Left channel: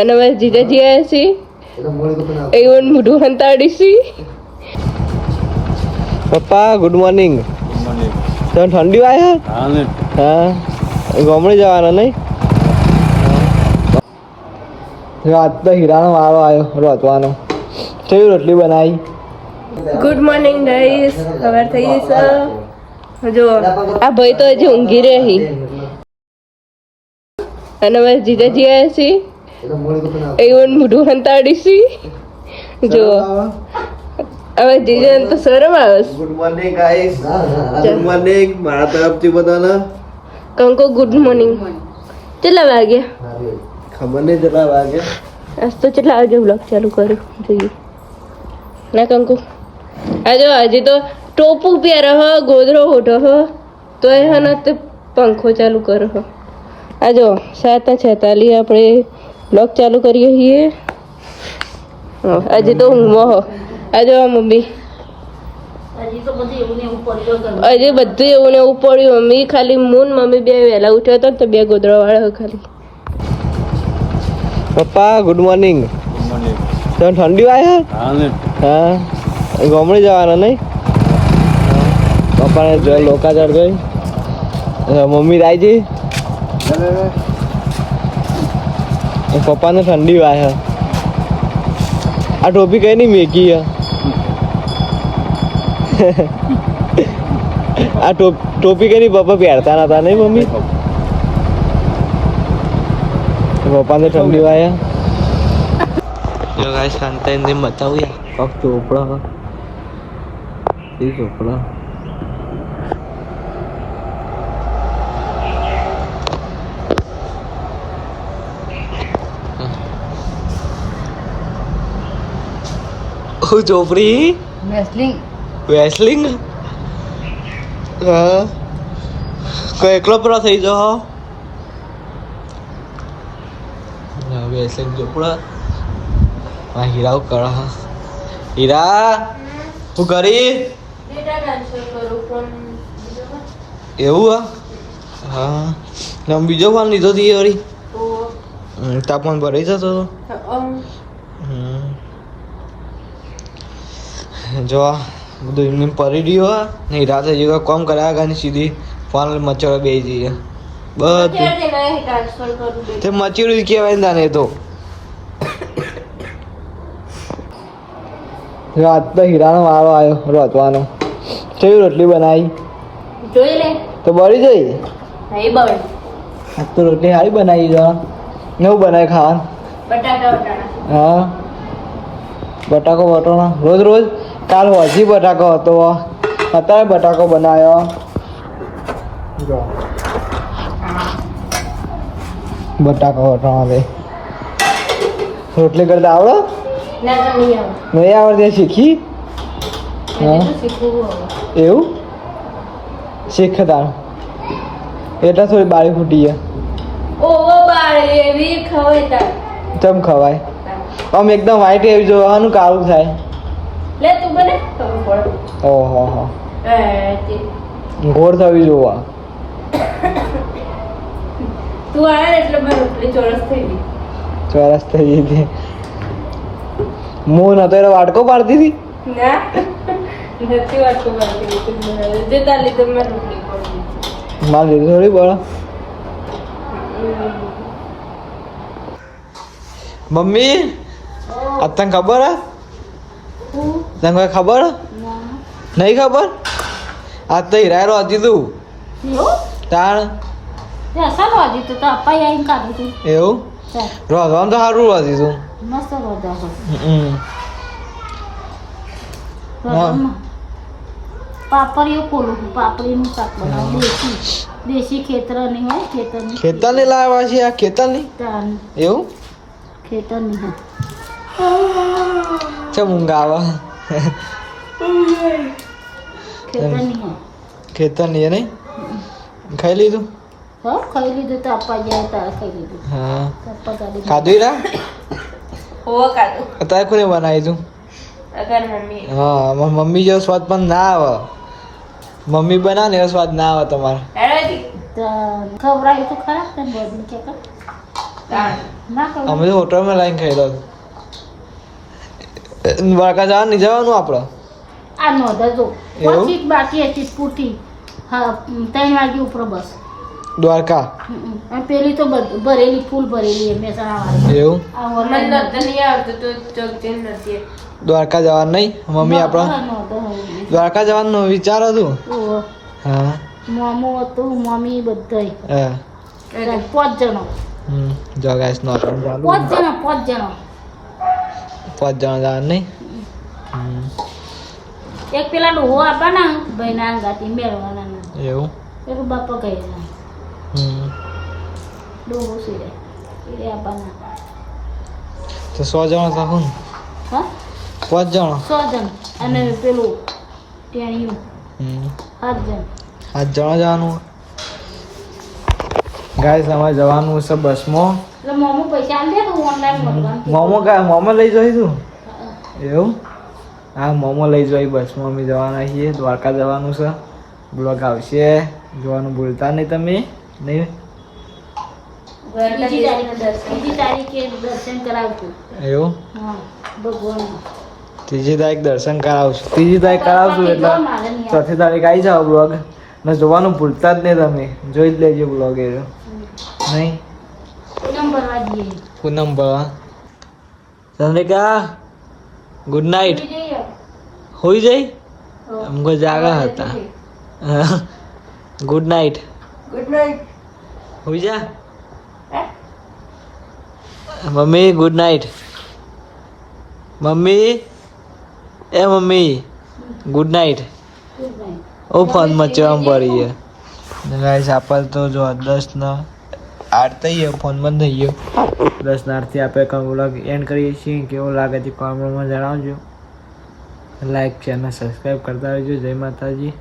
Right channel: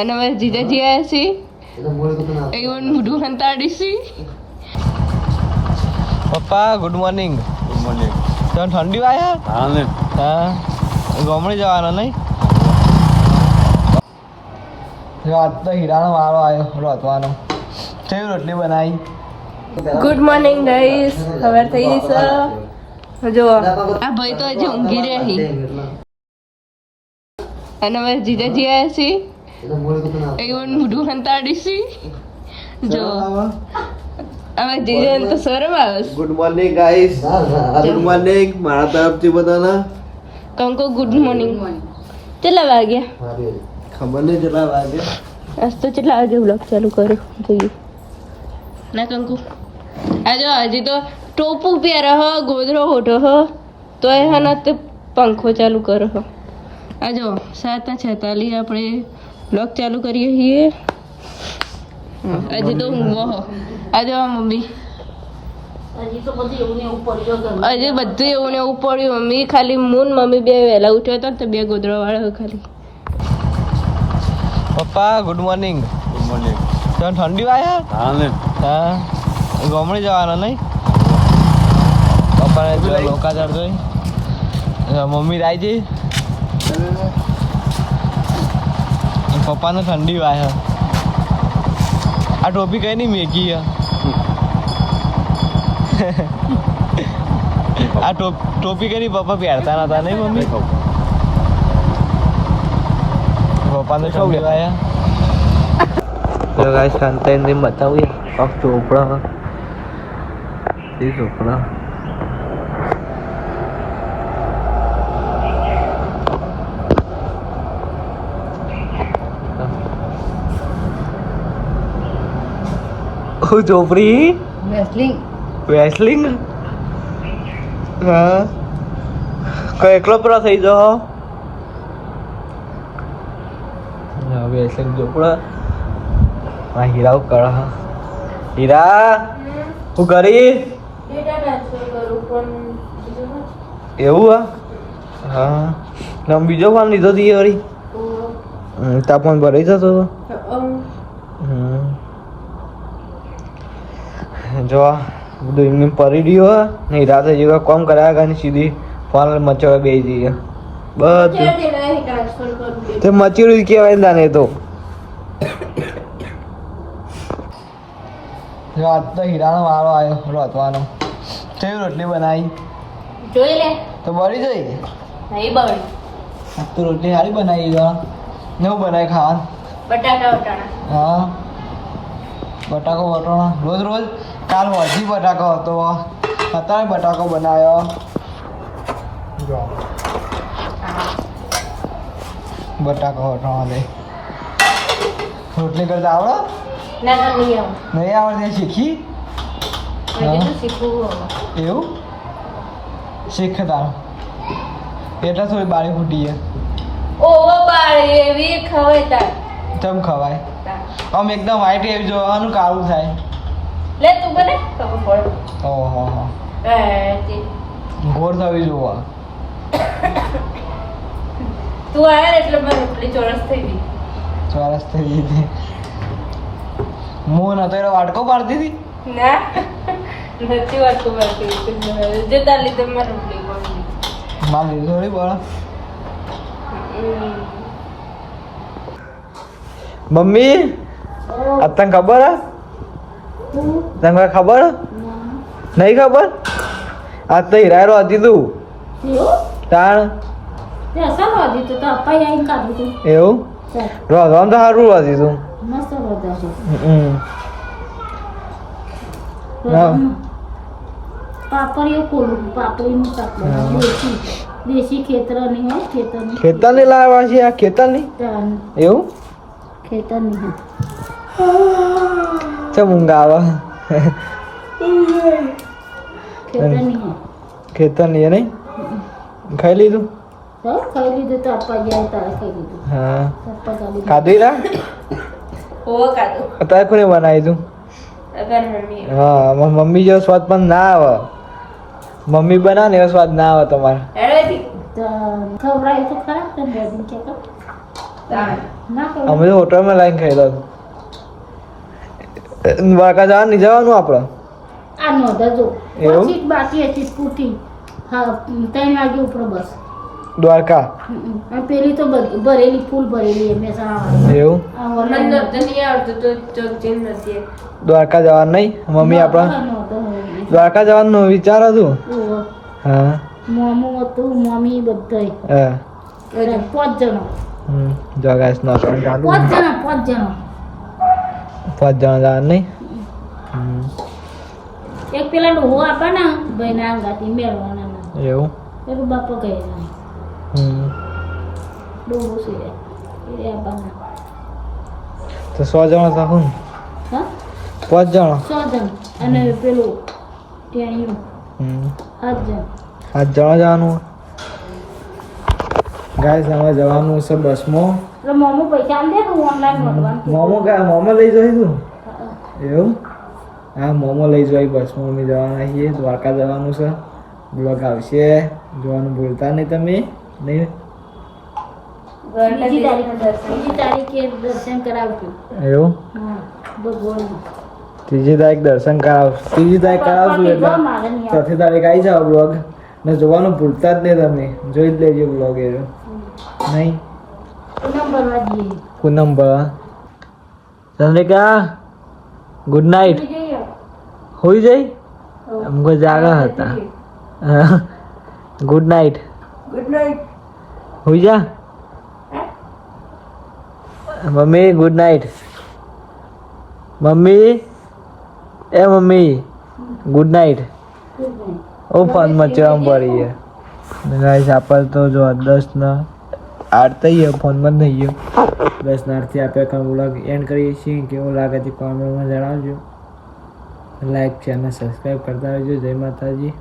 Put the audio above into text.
અને અમે જીજાજી આવ્યા છીએ એવું મોઢું હંતાડીશી. પપ્પા ગુડ મોર્નિંગ. તમે ઠંડી વાય હા ગામડે જવાના નહીં? આજ તો હીરાનો વારો આવ્યો રોતવાનો. કેવી રોટલી બનાવી? Good morning guys. ખબર થઈ ગઈ છે. જો આ ભાઈ તો હજી ઊંઘી રહી અને અમે જીજાજી આવ્યા છીએ એવું મોઢું હંતાડીશી. જો હવે જીજાને તો શરમ આવે. Good morning guys. Good morning મારા તરફથી બધાને. કંકો ગુડ મોર્નિંગ. કેટલા વાગ્યા ખબર નહીં કેટલા વાગ્યા. આજ તો કેટલા વાગે બ્લોગ ચાલુ કરું જોઈએ ના કંકુ? આ જો હજી તો ટોપું પહેરે હ, ગોદરો ઓઢો હ, તો એ હા તે પંખો ચાલુ કરો હ. આ જો 7:46 આપણે બ્લોગ ચાલુ કરીએ છીએ. હજી તો ઊંઘમાં હો. આ જો મમ્મી હજી બધું એવું ને એવું પડ્યું. મમ્મી ખાલી મમ્મી બે વહેલા ઉઠ્યો હતો તો બે ગોદરા વાળા ખાલી. પપ્પા ગુડ મોર્નિંગ. તમે ઠંડી વાય હા ગામડે જવાના નહીં? પપ્પાને જો લોકા ચડતો મમ્મી રાઈ પપ્પાને ઠંડી વાય. આ ટોપી કઈ નહીં મેકી આ ટોપી કઈ નહીં પપ્પા પહેરતા નતા નહીં મમ્મી? પપ્પાને ઠંડી વાય. ગાઈસ કાંતાઈને બતાવું પગ ચોપડા એ ચોપડા ચોપડી વેસલિંગ હા કોઈ એકલો પૂરા થઈ જાઓ. વેસલિંગ ચોપડા હીરા કર હીરા તું કરી એવું હા બીજો ફોન લીધો હતી વળી તાપમાન ભરાઈ જતો હતો. જો બધું એમને પડી રહ્યું ને હીરા થઈ ગયો કોમ કરાયા કાની સીધી ફોન મચોડા બેસી જઈએ બધું તે મચોડું કહેવાય ને તાને તો. આજ તો હીરાનો વારો આવ્યો રોતવાનો. કેવી રોટલી બનાવી? જોઈ લે તો બળી જઈ. નહીં બળી. તો રોટલી સારી બનાવી છે. નવું બનાવી ખાવા? બટાકા વટાણા. હા બટાકો વટાણા રોજ રોજ. કાલ હજી બટાકો હતો અત્યારે બટાકો બનાવ્યો. બટાકો વટાણા દે. રોટલી કરતા આવડે? નહીં આવડતી શીખી? એવું શીખતા એટલે થોડી બાળી ફૂટી ચમ ખવાય આમ એકદમ વ્હાઈટ એવી જોવાનું કાળું થાય. ઓહો ઘોર થવી જોવા. તું આવ્યા એટલે મારી રોટલી ચોરસ થઈ ગઈ. ચોરસ થઈ ગઈ હતી. હું નતો એનો વાટકો પાડતી હતી. ના નથી વાટકો પાડતી. જે તાર લીધે મેં રોટલી પડી. મારે લીધું થોડી બળ. મમ્મી આ તને ખબર હે? તને કોઈ ખબર નહીં? ખબર આજ તો હીરાયરો હતી તું તાણ એવું રોધવાનું તો સારું હતી તું. પાપડીઓ કોલું પાપડીનું શાક બનાવ્યું દેશી ખેતરની હોય ખેતરની લાવ્યા છે આ ખેતરની એવું ખેતરની હે ચમ ઊંઘ આવે ખેતરની નહીં ખાઈ લીધું? ખાઈ લીધું તો આપવા જાય તારે ખાઈ લીધું. હા ખાધું રા અત્યારે કોને બનાવી તું? હા મમ્મી જેવો સ્વાદ પણ ના આવે. મમ્મી બનાવે ને એવો સ્વાદ ના આવે તમારે. ખવડાવ્યું તો ખરાબ ને બોડી કે ના કહું અમે તો હોટલમાં લાઈન ખાઈ રહ્યો દ્વારકા જવાનું નહીં જવાનું આપણે આ નોંધજો એવું? પછી જ બાકી હતી સ્કૂટી હા 3 વાગે ઉપર બસ દ્વારકા અને પેલી તો ભરેલી ફૂલ ભરેલી એ મહેસાણા વાળી એવું આ મને online નહોતું નહીં આવતું તો ચોક જઈને નથી દ્વારકા જવાનું નહીં મમ્મી આપણા નોંધ દ્વારકા જવાનું વિચાર હતું હા મોમો હતું મમ્મી બધાય હા 5 જણો જો ગાઈસ નો અકાઉન્ટ ચાલુ 5 જણા 5 જણા 5 જણા જવાનું નહીં એક પેલા ડોહો આપવાના ભાઈ ના અંગાતી મેળવાના એવું પેલું બાપા કહે ડોહો છે એ આપવાના તો 100 જણા થયું હા 5 જણા 100 જણ અને પેલું ટેણીયું 7 જણ 7 જણા જવાનું ગાઈસ અમારે જવાનું છે બસમાં એટલે મોમો પૈસા આલ દે તો ઓનલાઈન મળવાનું મોમો લઈ જઈ તું એવું હા મોમો લઈ જઈ બસમાં અમે જવાના છીએ દ્વારકા જવાનું છે બ્લોગ આવશે જોવાનું ભૂલતા નહીં તમે નહીં બીજી તારીખે દર્શન કરાવશું એવું હા ભગવાન 3જી તારીખ દર્શન કરાવશું 3જી તારીખ કરાવશું એટલે 4થી તારીખ આવી જાઓ બ્લોગ ને જોવાનું ભૂલતા જ નહીં તમે જોઈ જ લેજો બ્લોગ એ નહીં પૂનમ ભરવા જઈએ પૂનમ ભરવા ચંદ્રિકા ગુડ નાઇટ હોઈ જઈ हमको जागा હતા ગુડ નાઇટ હોઈ જા મમ્મી ગુડ નાઇટ મમ્મી એ મમ્મી ગુડ નાઇટ ઓ ફોન મચવા પડી છે ગાઈસ આપલ તો જો 10 ના 8 થઈ ગયો ફોનમાં જ નહીં ગયો 10 ના 8 થી આપણે કામ વ્લોગ એન્ડ કરીએ છીએ કેવો લાગે છે કોમેન્ટમાં જણાવજો લાઈક ચેનલ સબસ્ક્રાઈબ કરતા રહેજો જય માતાજી